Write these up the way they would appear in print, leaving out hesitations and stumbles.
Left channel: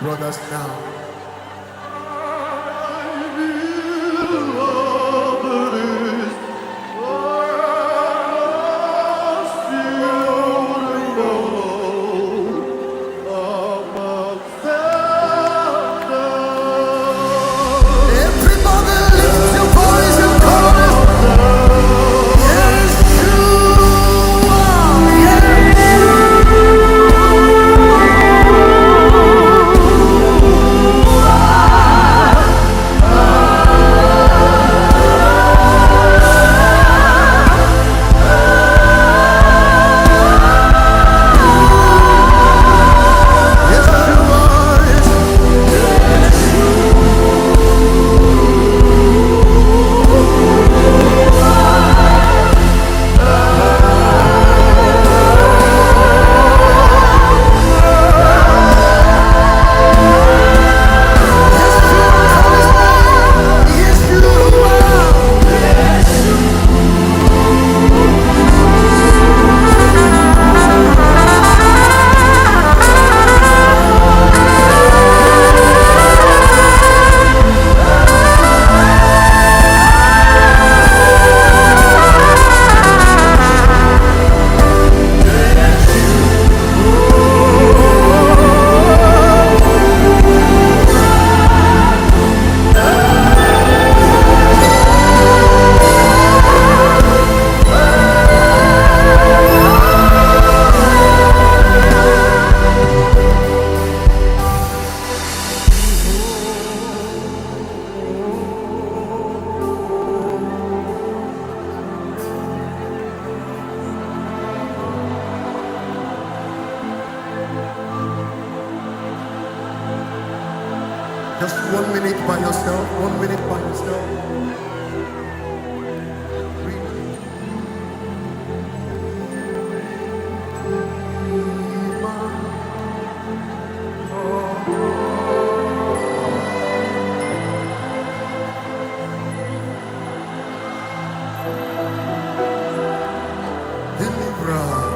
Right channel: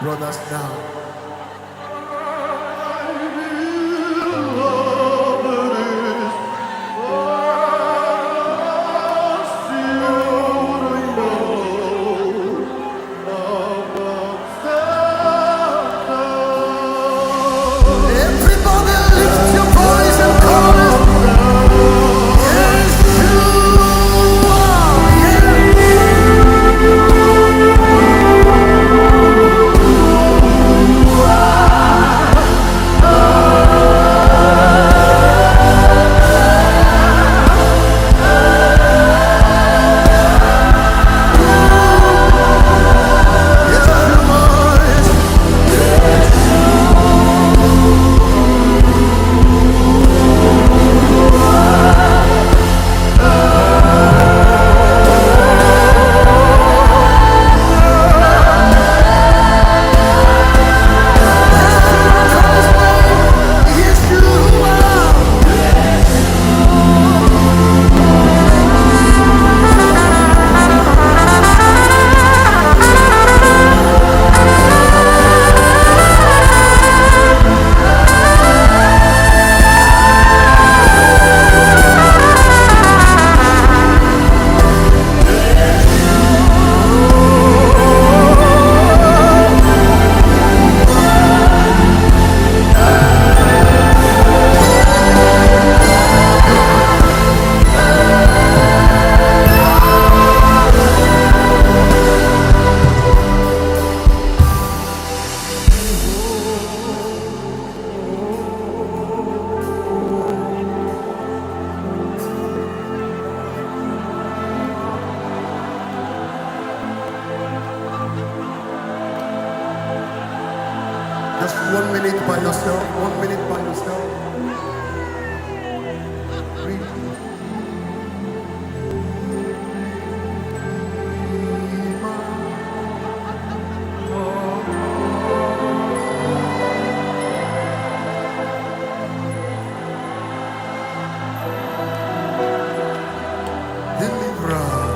Brothers now. Just 1 minute by yourself, 1 minute by yourself. Breathe. Deliverer.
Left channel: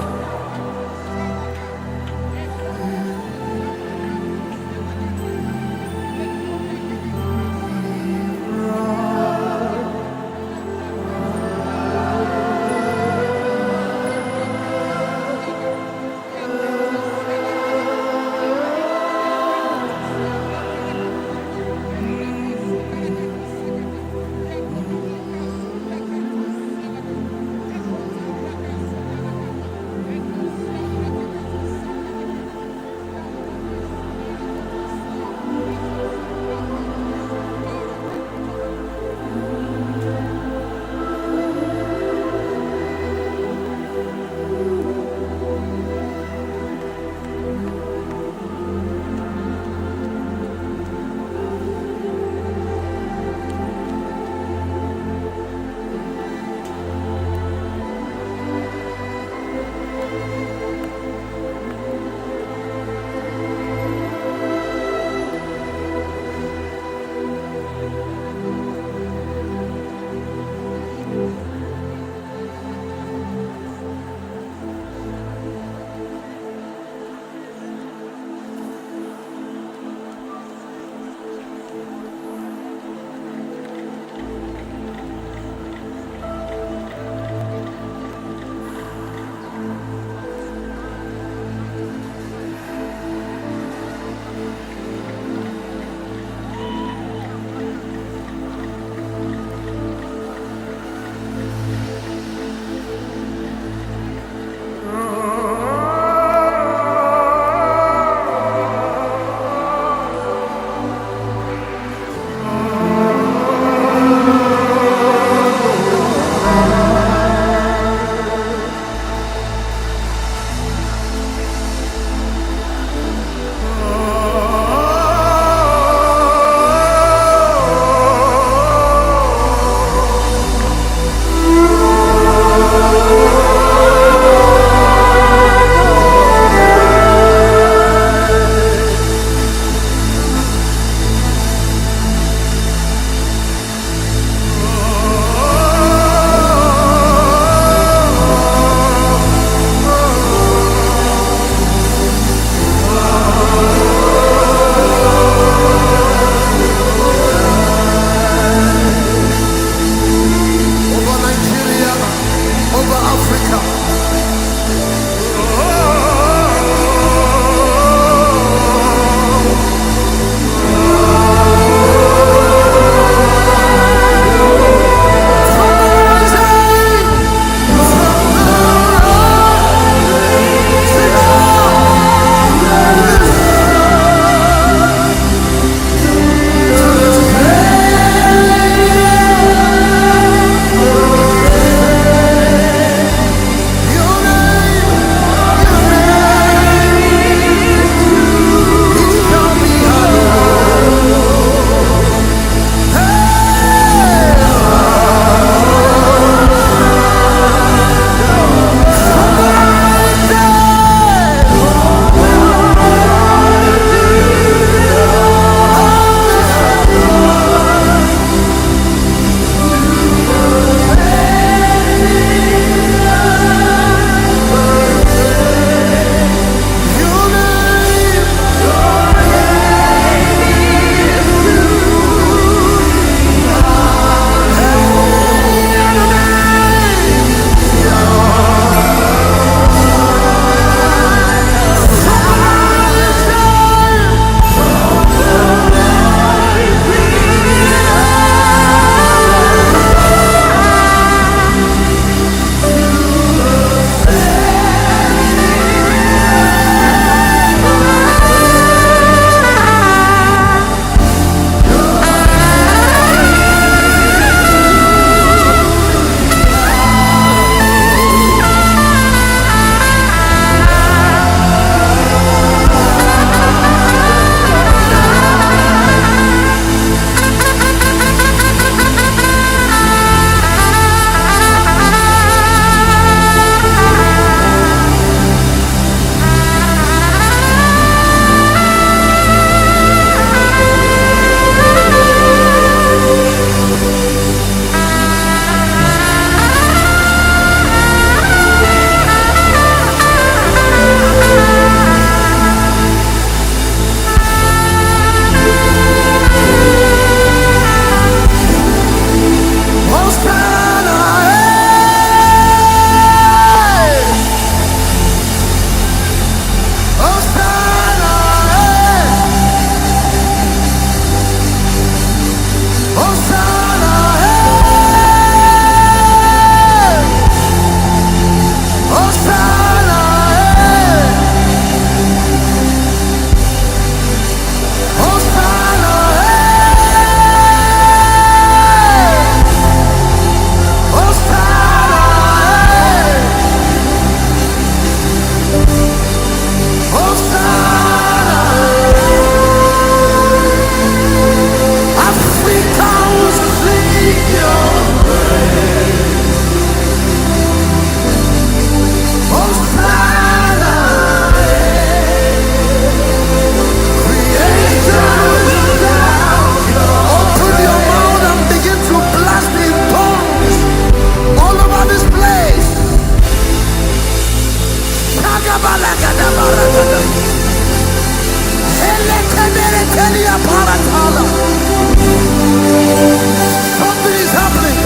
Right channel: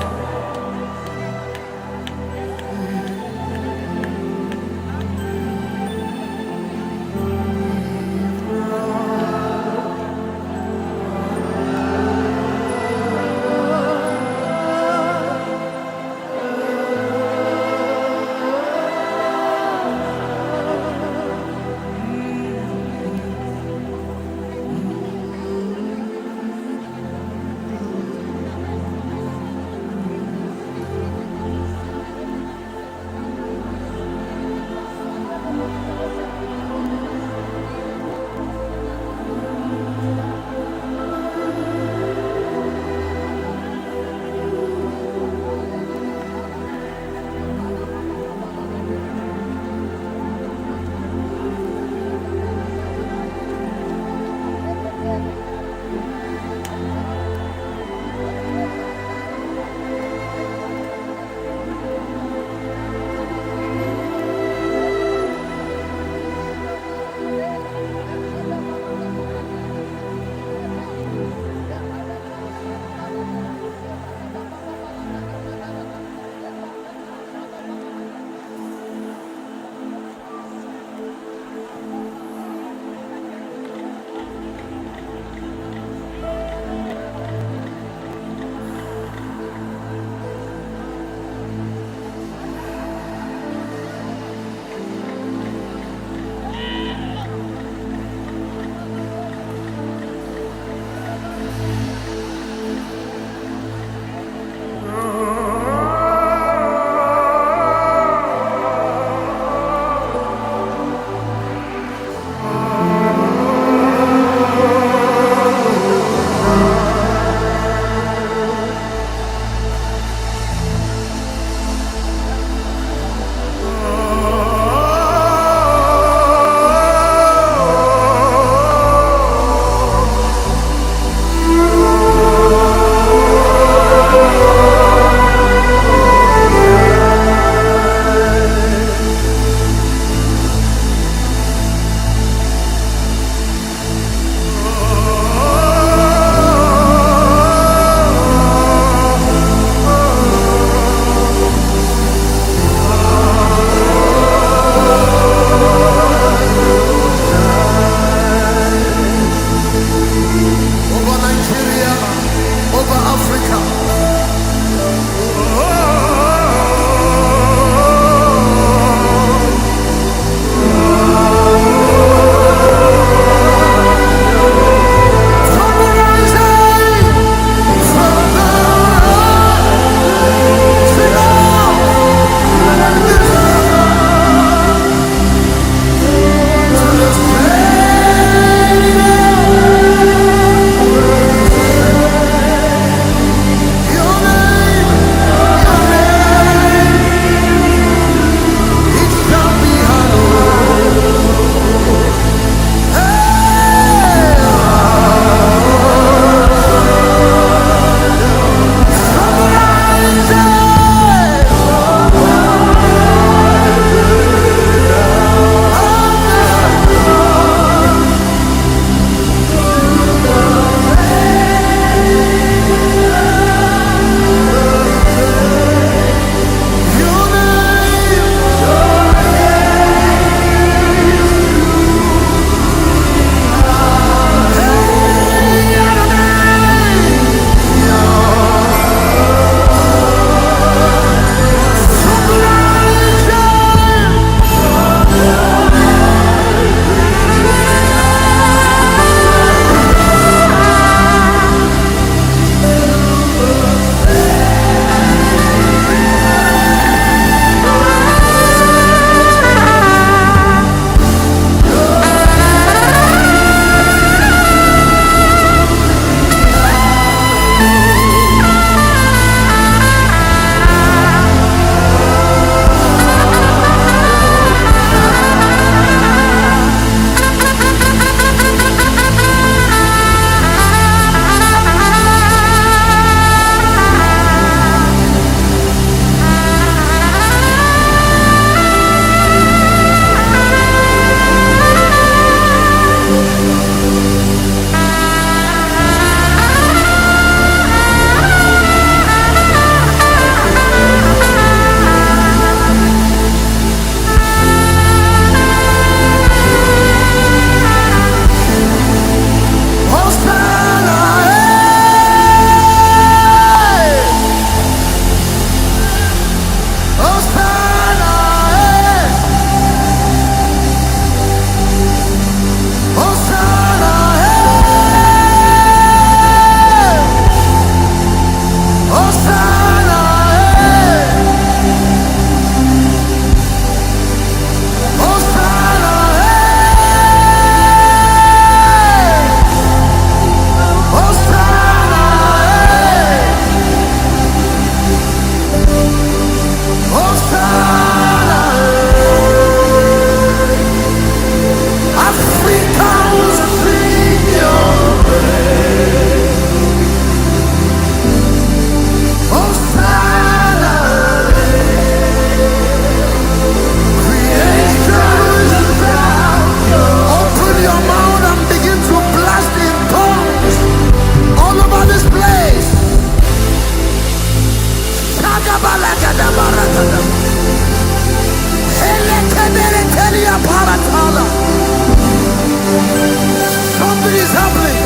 Something is happening.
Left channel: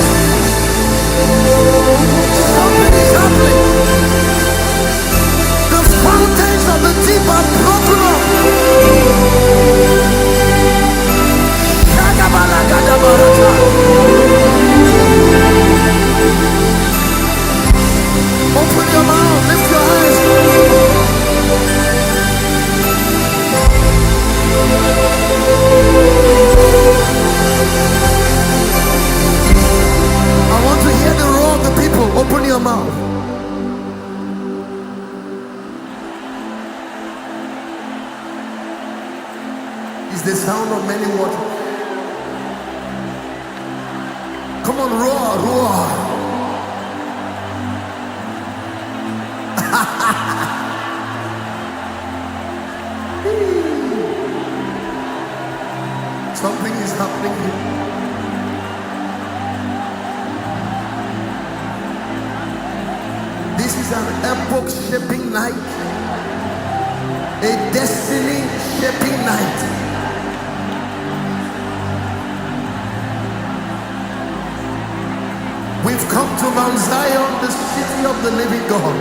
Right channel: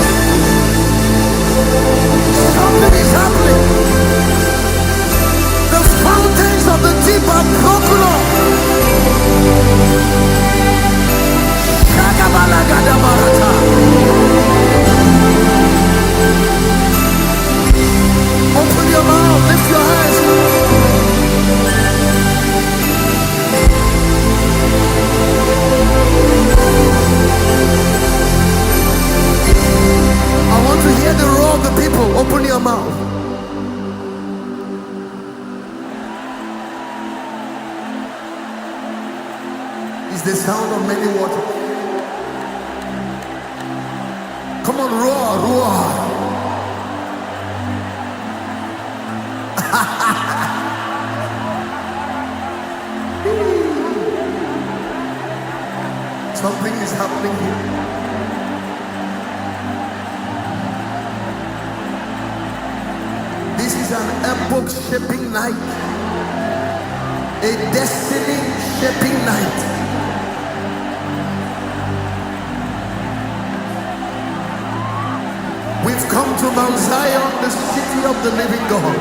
Something is happening. The fountains of the deep are broken up. Shagabalagadabarata. Open your mouth, lift your hands. I want to hear the roar of the people. Open your mouth. It's the sound of many waters. Come on, roar, roar. Something is happening here. This is an epoch-shaping night, a destiny-shaping night. We've come to Mount Zion, the city of the living God.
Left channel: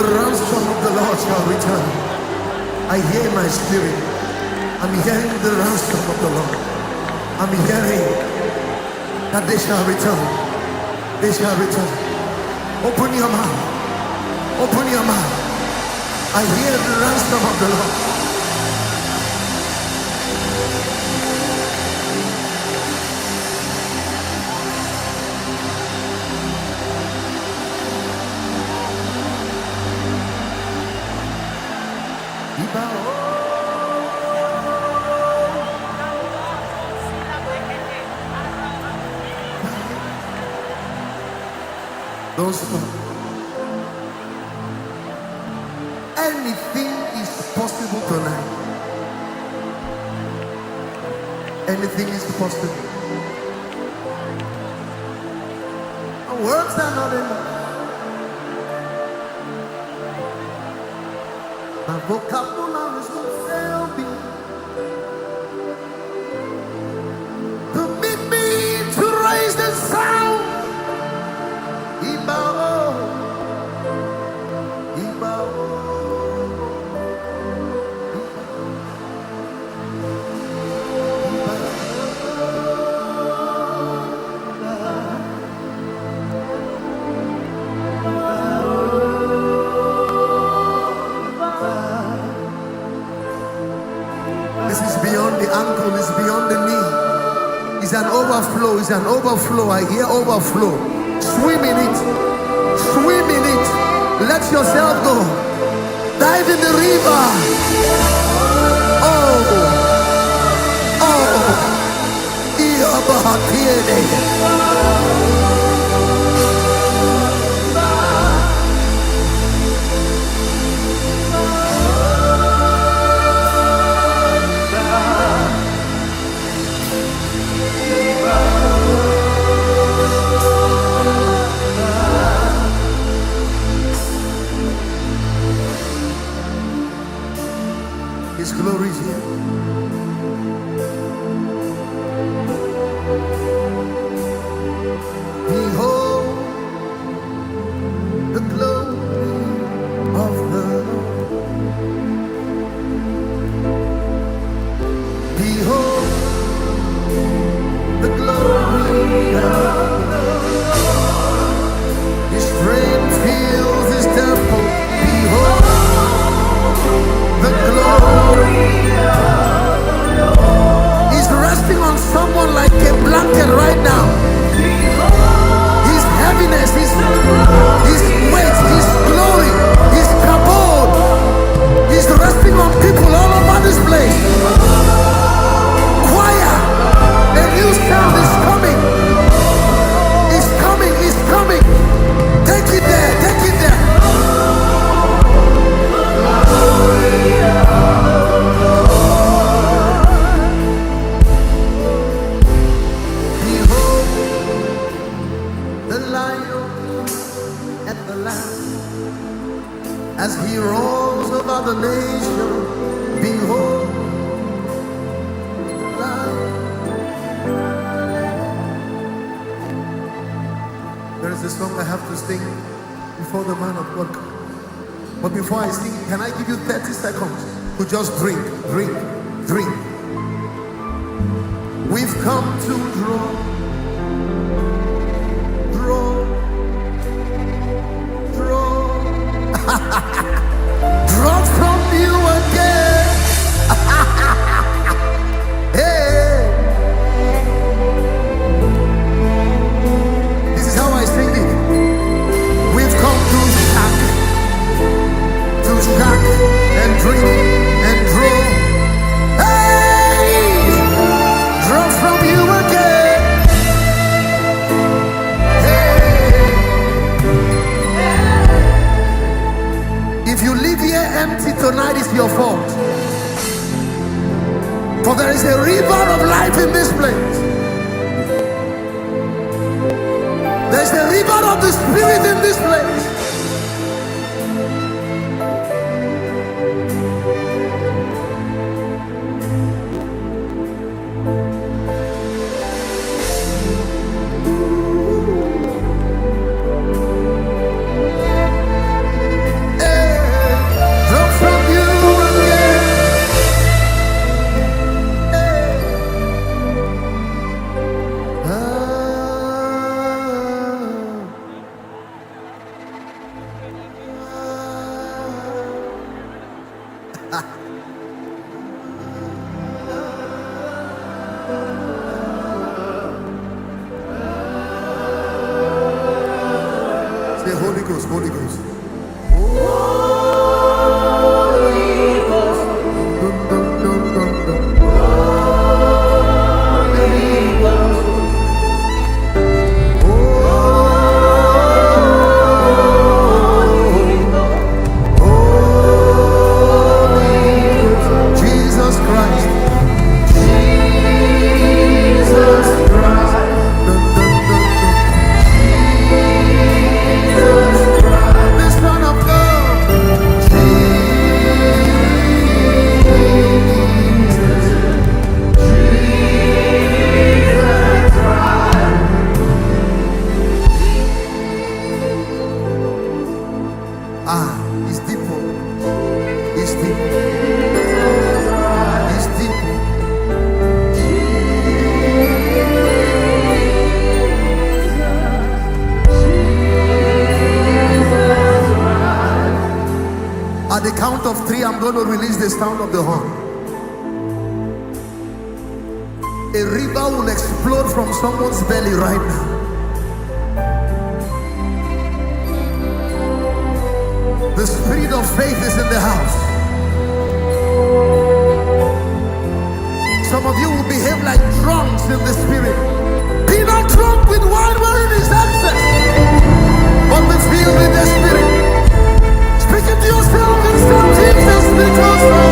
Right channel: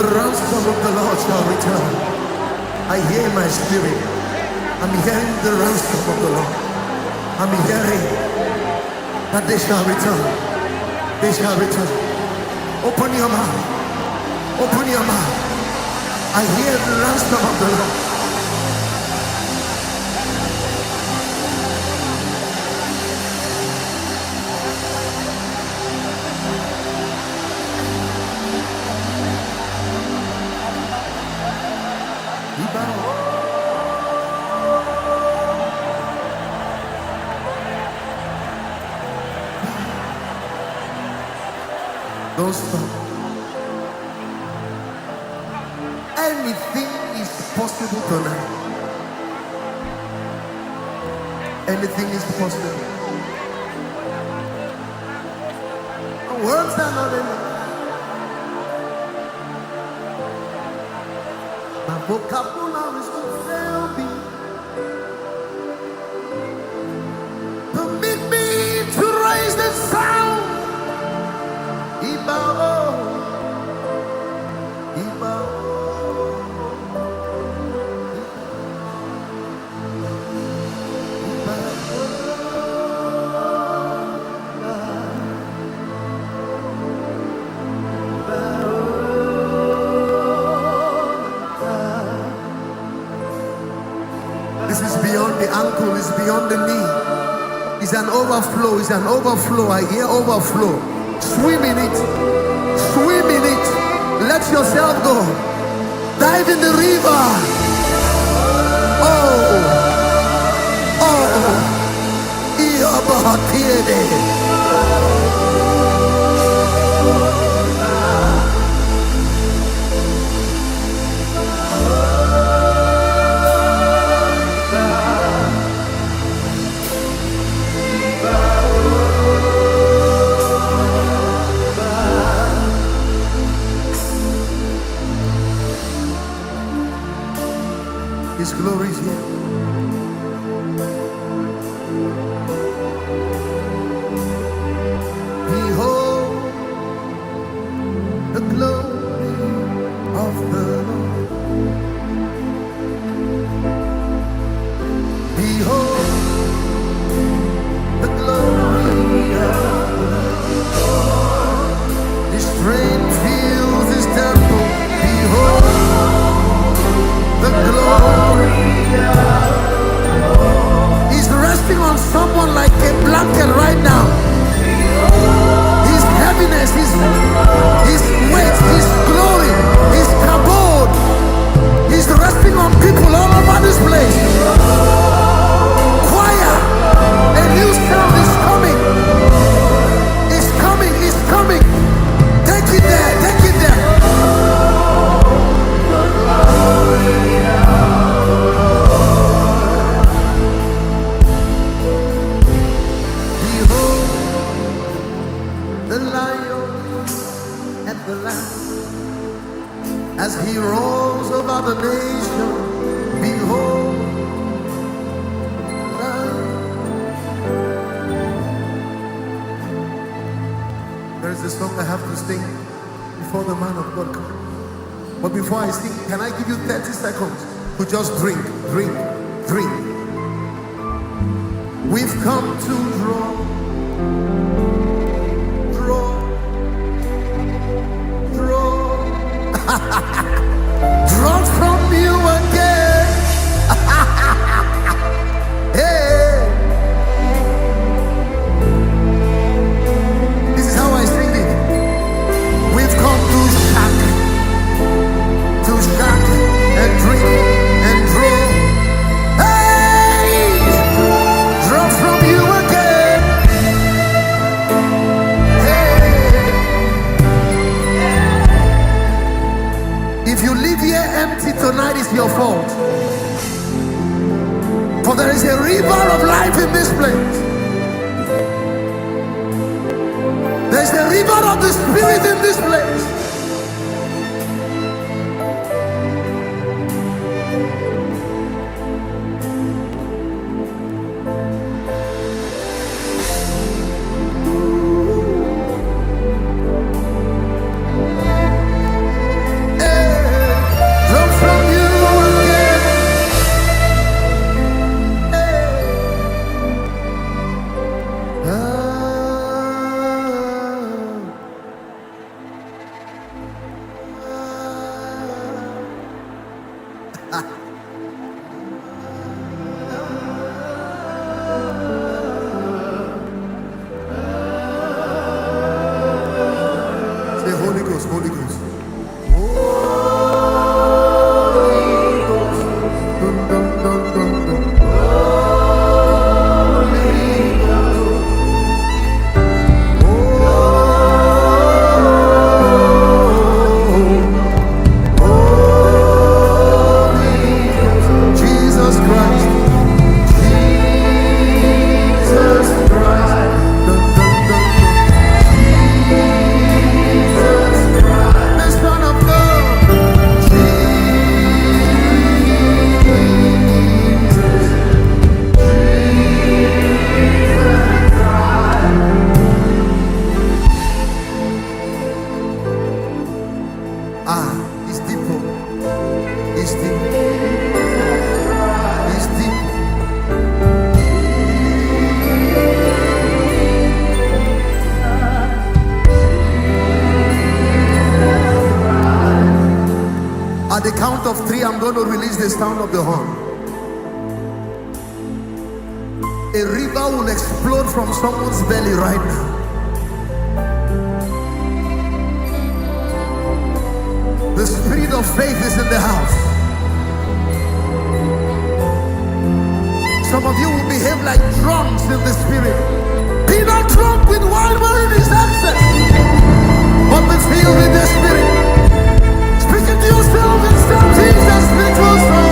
The ransom of the Lord shall return. I hear in my spirit. I'm hearing the ransom of the Lord. I'm hearing that they shall return. They shall return. Open your mouth. Open your mouth. I hear the ransom of the Lord. Don't stop. Anything is possible tonight. Anything is possible. And words are not enough. My vocabularies will fail me. Permit me to raise the sound. Ibao, Ibao, This is beyond the ankle, it's beyond the knee. It's an overflow, it's an overflow. I hear overflow. Swim in it. Swim in it. Let yourself go. Dive in the river. Oh. Oh. His glory is here. Behold the glory of the Lord. Behold the glory of the Lord. His train fills his temple. Behold the glory. He's resting on someone like a blanket right now. His heaviness, his weight, his glory, his kabod. He's resting on people all over this place. Choir, a new sound is coming. It's coming, it's coming. Take it there, take it there. The lion and the lamb, as he rolls over the nation. Behold the lion. There is a song I have to sing before the man of God comes. But before I sing, can I give you 30 seconds to just drink, drink, drink? We've come to draw. Draw, draw from you again. Hey, this is how I sing it. We've come to shack and drink and draw. Hey, draw from you again. If you leave here empty tonight, it's your fault. For there is a river of life in this place. There's a river of the Spirit in this place. Hey. Holy Ghost, Holy Ghost. Dun, dun, dun, dun, dun. Jesus Christ. Jesus Christ. Dun, dun, dun, dun. Jesus Christ. The Son of God. Jesus. Jesus Christ. Ah, it's deep. It's deep. It's deep. At the count of 3, I'm going to release the sound of the horn. A river will explode from someone's belly right now. The spirit of faith is in the house. Some of you will behave like drunks in the spirit. Be not drunk with wine wherein is excess, but be filled with the spirit. Speaking to yourself in some Jesus, speak closer.